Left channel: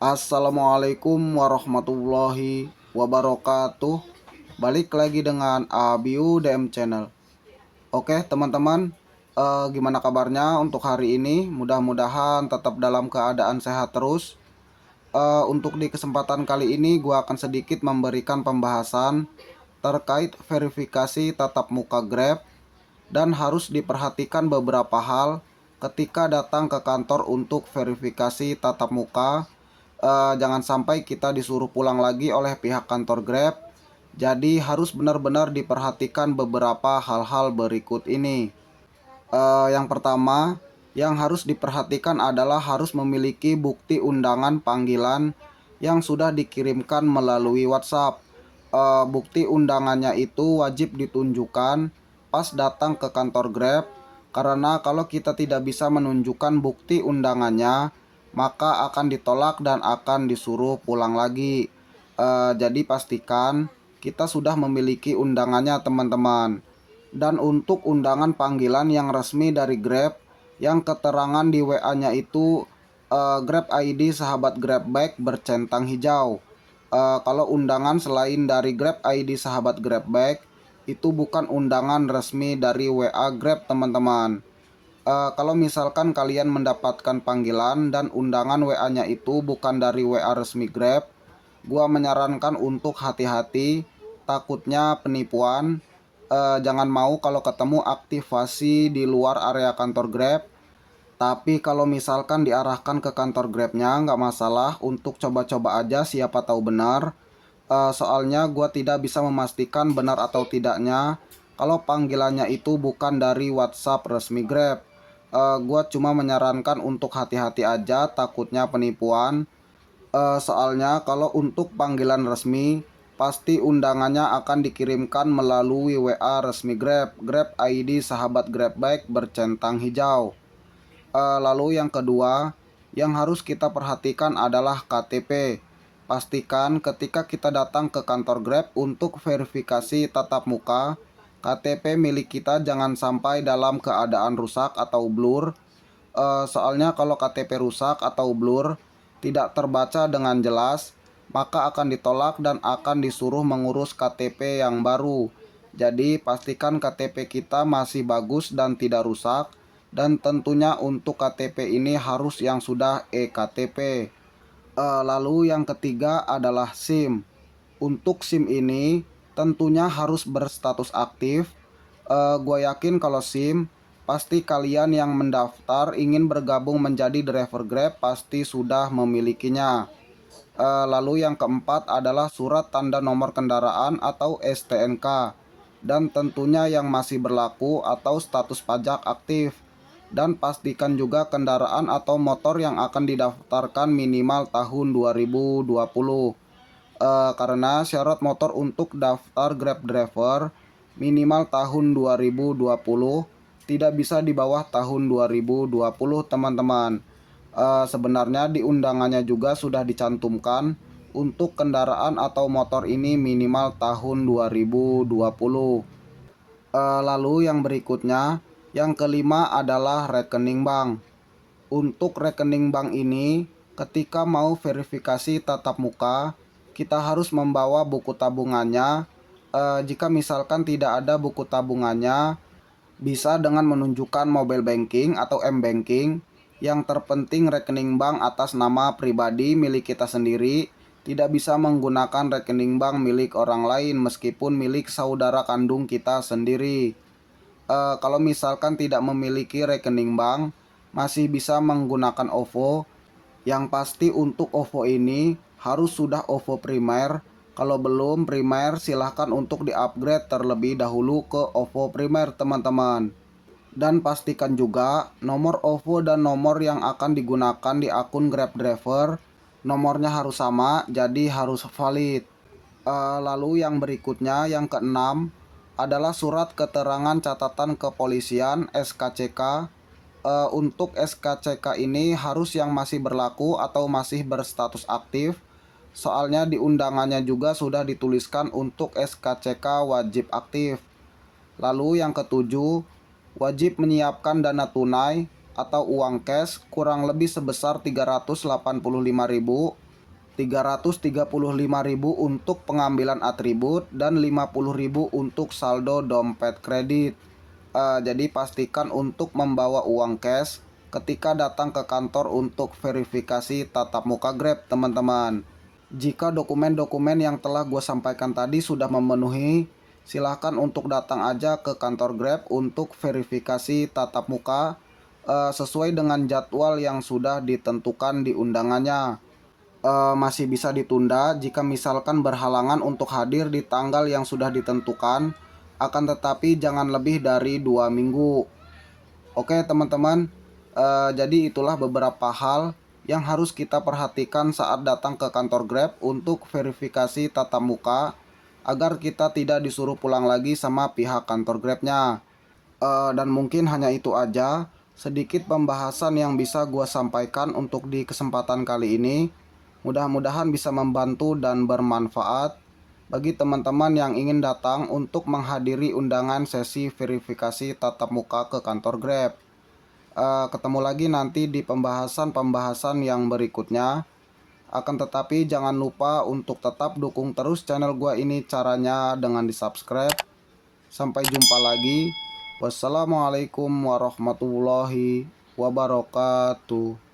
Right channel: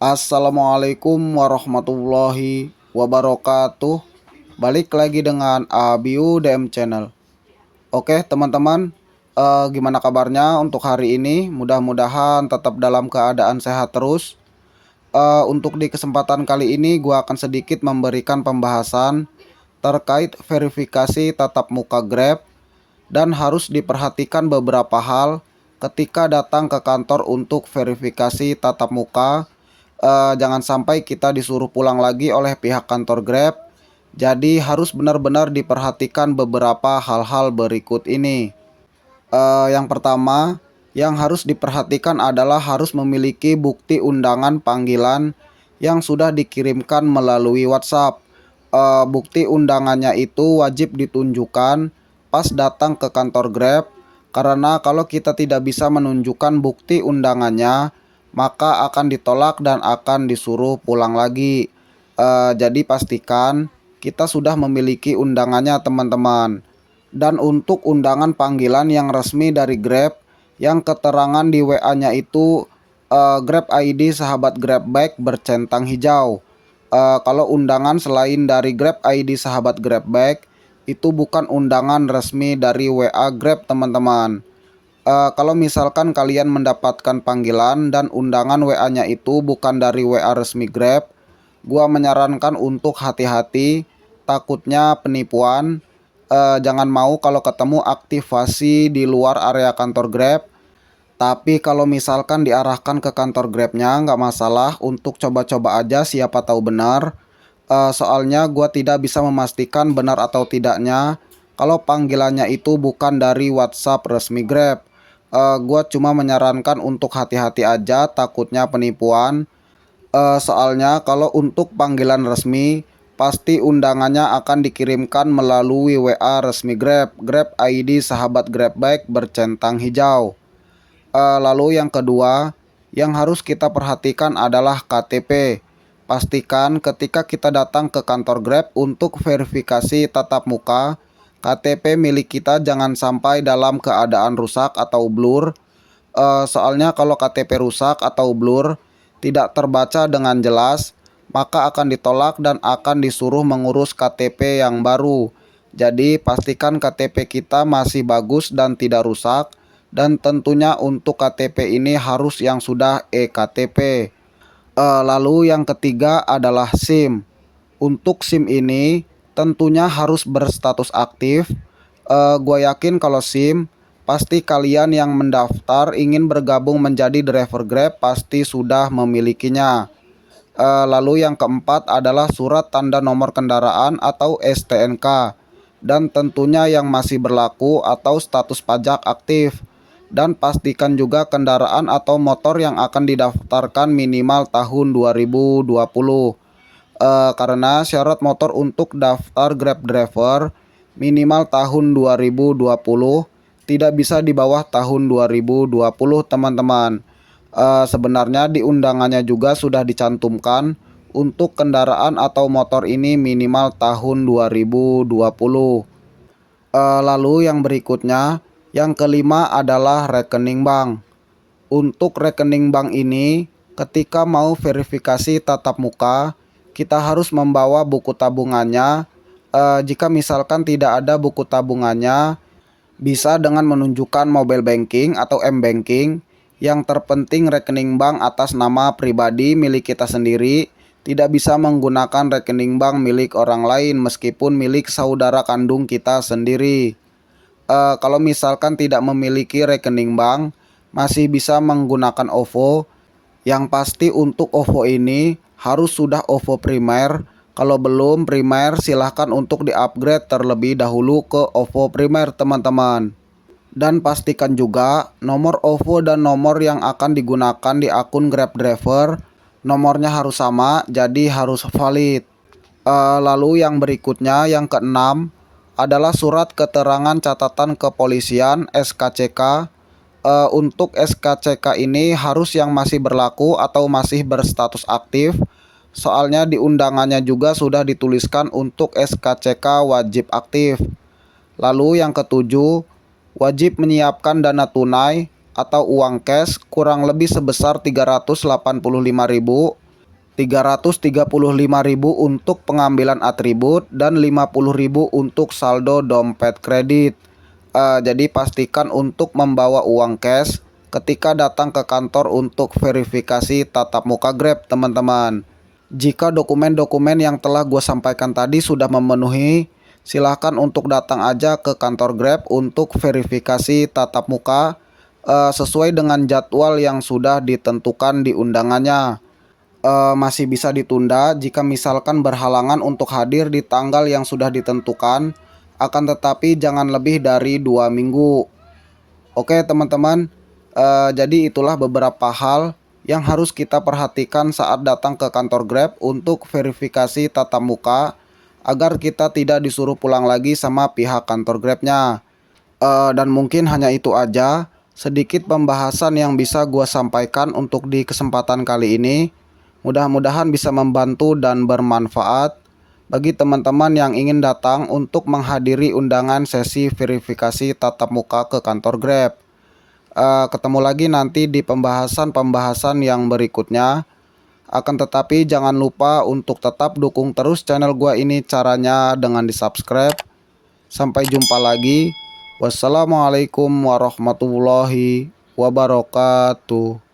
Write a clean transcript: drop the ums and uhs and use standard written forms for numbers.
Assalamualaikum warahmatullahi wabarakatuh. Balik lagi dengan Abiu DM Channel. Oke teman-teman, gimana kabarnya untuk hari ini? Mudah-mudahan tetap dalam keadaan sehat terus. Untuk di kesempatan kali ini gua akan sedikit memberikan pembahasan terkait verifikasi tatap muka Grab dan harus diperhatikan beberapa hal ketika datang ke kantor untuk verifikasi tatap muka. Jangan sampai kita disuruh pulang lagi oleh pihak kantor Grab. Jadi harus benar-benar diperhatikan beberapa hal-hal berikut ini. Yang pertama, yang harus diperhatikan adalah harus memiliki bukti undangan panggilan yang sudah dikirimkan melalui WhatsApp. Bukti undangannya itu wajib ditunjukkan pas datang ke kantor Grab, karena kalau kita tidak bisa menunjukkan bukti undangannya, maka akan ditolak dan akan disuruh pulang lagi. Jadi pastikan kita sudah memiliki undangannya teman-teman. Dan untuk undangan panggilan yang resmi dari Grab, yang keterangan di WA-nya itu Grab ID sahabat Grab Bike bercentang hijau. Kalau undangan selain dari Grab ID sahabat Grab Bike, itu bukan undangan resmi dari WA Grab teman-teman. Kalau misalkan kalian mendapatkan panggilan dan undangan WA-nya itu bukan dari WA resmi Grab, gua menyarankan untuk hati-hati, takutnya penipuan. Jangan mau kalau ketemu aktivasi di luar area kantor Grab. Tapi kalau misalkan diarahkan ke kantor Grabnya nggak masalah, untuk coba-coba aja siapa tahu benar. Soalnya gua tidak bisa memastikan benar atau tidaknya kalau panggilannya itu bukan dari WhatsApp resmi Grab. Gua cuma menyarankan untuk hati-hati aja, takutnya penipuan. Soalnya kalau untuk panggilan resmi, pasti undangannya akan dikirimkan melalui WA resmi Grab, Grab ID sahabat Grab Bike bercentang hijau. Lalu yang kedua, yang harus kita perhatikan adalah KTP. Pastikan ketika kita datang ke kantor Grab untuk verifikasi tatap muka, KTP milik kita jangan sampai dalam keadaan rusak atau blur. Soalnya kalau KTP rusak atau blur, tidak terbaca dengan jelas, maka akan ditolak dan akan disuruh mengurus KTP yang baru. Jadi pastikan KTP kita masih bagus dan tidak rusak, dan tentunya untuk KTP ini harus yang sudah eKTP. Lalu yang ketiga adalah SIM. Untuk SIM ini tentunya harus berstatus aktif. Gue yakin kalau SIM, pasti kalian yang mendaftar ingin bergabung menjadi driver Grab pasti sudah memilikinya. Lalu yang keempat adalah surat tanda nomor kendaraan atau STNK, dan tentunya yang masih berlaku atau status pajak aktif. Dan pastikan juga kendaraan atau motor yang akan didaftarkan minimal tahun 2020. Karena syarat motor untuk daftar Grab driver minimal tahun 2020, tidak bisa di bawah tahun 2020 teman-teman. Sebenarnya di undangannya juga sudah dicantumkan untuk kendaraan atau motor ini minimal tahun 2020. Lalu yang berikutnya, yang kelima adalah rekening bank. Untuk rekening bank ini, ketika mau verifikasi tatap muka, kita harus membawa buku tabungannya. Jika misalkan tidak ada buku tabungannya, bisa dengan menunjukkan mobile banking atau m-banking. Yang terpenting rekening bank atas nama pribadi milik kita sendiri, tidak bisa menggunakan rekening bank milik orang lain meskipun milik saudara kandung kita sendiri. Kalau misalkan tidak memiliki rekening bank, masih bisa menggunakan OVO. Yang pasti untuk OVO ini harus sudah OVO primer. Kalau belum primer, silahkan untuk di-upgrade terlebih dahulu ke OVO primer teman-teman. Dan pastikan juga nomor OVO dan nomor yang akan digunakan di akun Grab driver, nomornya harus sama, jadi harus valid. Lalu yang berikutnya, yang keenam adalah surat keterangan catatan kepolisian SKCK. Untuk SKCK ini harus yang masih berlaku atau masih berstatus aktif. Soalnya di undangannya juga sudah dituliskan untuk SKCK wajib aktif. Lalu yang ketujuh, wajib menyiapkan dana tunai atau uang cash kurang lebih sebesar 385.000. 335.000 untuk pengambilan atribut dan 50.000 untuk saldo dompet kredit. Jadi pastikan untuk membawa uang cash ketika datang ke kantor untuk verifikasi tatap muka Grab, teman-teman. Jika dokumen-dokumen yang telah gue sampaikan tadi sudah memenuhi, silahkan untuk datang aja ke kantor Grab untuk verifikasi tatap muka sesuai dengan jadwal yang sudah ditentukan di undangannya. Masih bisa ditunda jika misalkan berhalangan untuk hadir di tanggal yang sudah ditentukan, akan tetapi jangan lebih dari 2 minggu. Oke teman-teman, jadi itulah beberapa hal yang harus kita perhatikan saat datang ke kantor Grab untuk verifikasi tatap muka agar kita tidak disuruh pulang lagi sama pihak kantor Grabnya. Dan mungkin hanya itu aja sedikit pembahasan yang bisa gua sampaikan untuk di kesempatan kali ini. Mudah-mudahan bisa membantu dan bermanfaat bagi teman-teman yang ingin datang untuk menghadiri undangan sesi verifikasi tatap muka ke kantor Grab. Ketemu lagi nanti di pembahasan-pembahasan yang berikutnya. Akan tetapi jangan lupa untuk tetap dukung terus channel gua ini, caranya dengan di subscribe. Sampai jumpa lagi. Wassalamualaikum warahmatullahi wabarakatuh.